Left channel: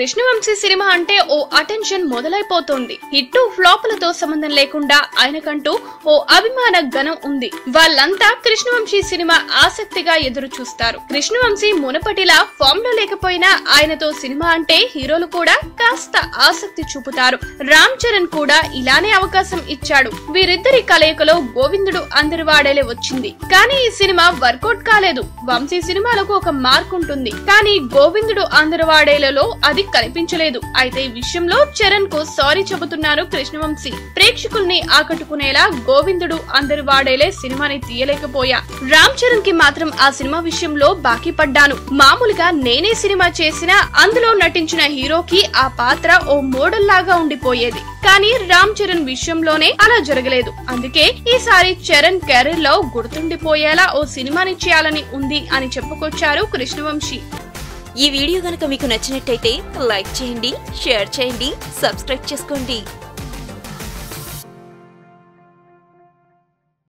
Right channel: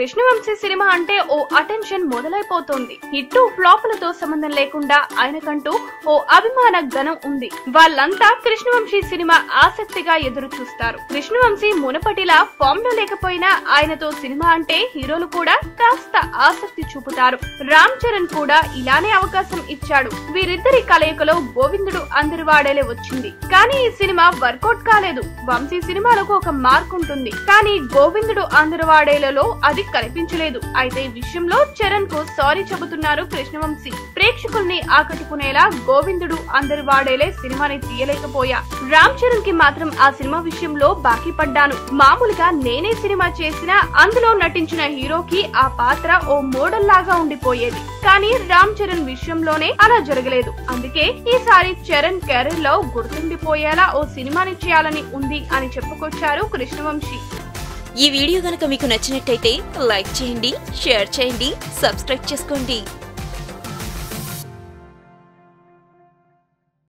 Krishna Vamsi cinema అంటే ఓ attention మొదలైపోతోంది. Hit ఫ్లాపులతో సంబంధం లేకుండా ఆయనకంటూ ఓ అభిమాన గణం ఉంది. వాళ్ళంతా కృష్ణవంశీ సినిమా ఆసక్తిగా ఎదురు చూస్తారు. కృష్ణవంశీ మునపటిలా ఫామ్ లో లేకపోయినా ఆయనతో సినిమా అంటే హీరోలు కూడా కాస్త ఆసక్తి చూపుతారు. రామ్ చరణ్ కూడా ఇలానే అవకాశం ఇచ్చాడు. వీరిద్దరి కలయికలో గోవిందుడు అందరి వాడేలే వచ్చింది. కానీ ఈ సినిమా వర్కౌట్ కాలేదు. వంశీ సినిమాలకు ఒక మార్క్ ఉంటుంది, కానీ గోవిందుడు అందరి వాడేలలో అది కనిపించలేదు. అయితే ఈ విషయంలో చరణ్ కు సారీ చెబుతున్నారు కృష్ణవంశీ. ప్రేక్షకుల్ని ఆకట్టుకునేలా గోవిందుడు అందరి వాడేలే సినిమాని తీయలేకపోయా. రామ్ చరణ్ కి మాత్రం ఆ సినిమా విషయంలో బాకీ పడ్డాను. మామూలుగా నేనే సినిమా చేసినా అందులో నటించిన హీరోకి ఆ పాత్ర ఓ మోడల్ లాగా ఉండిపోయేది. కానీ రామ్ చరణ్ విషయంలోనే అలా జరగలేదు. అందుకే ఈసారి చరణ్ కెరీర్ లో గుర్తుండిపోయేలా ఓ సినిమాని చేయాలని ఉంది అని చెప్పుకొచ్చారు కృష్ణవంశీ. ఈ వీడియో గనుక మీకు నచ్చినట్టయితే లైక్ చేయండి, షేర్ చేయండి, సబ్స్క్రైబ్ చేసుకోండి.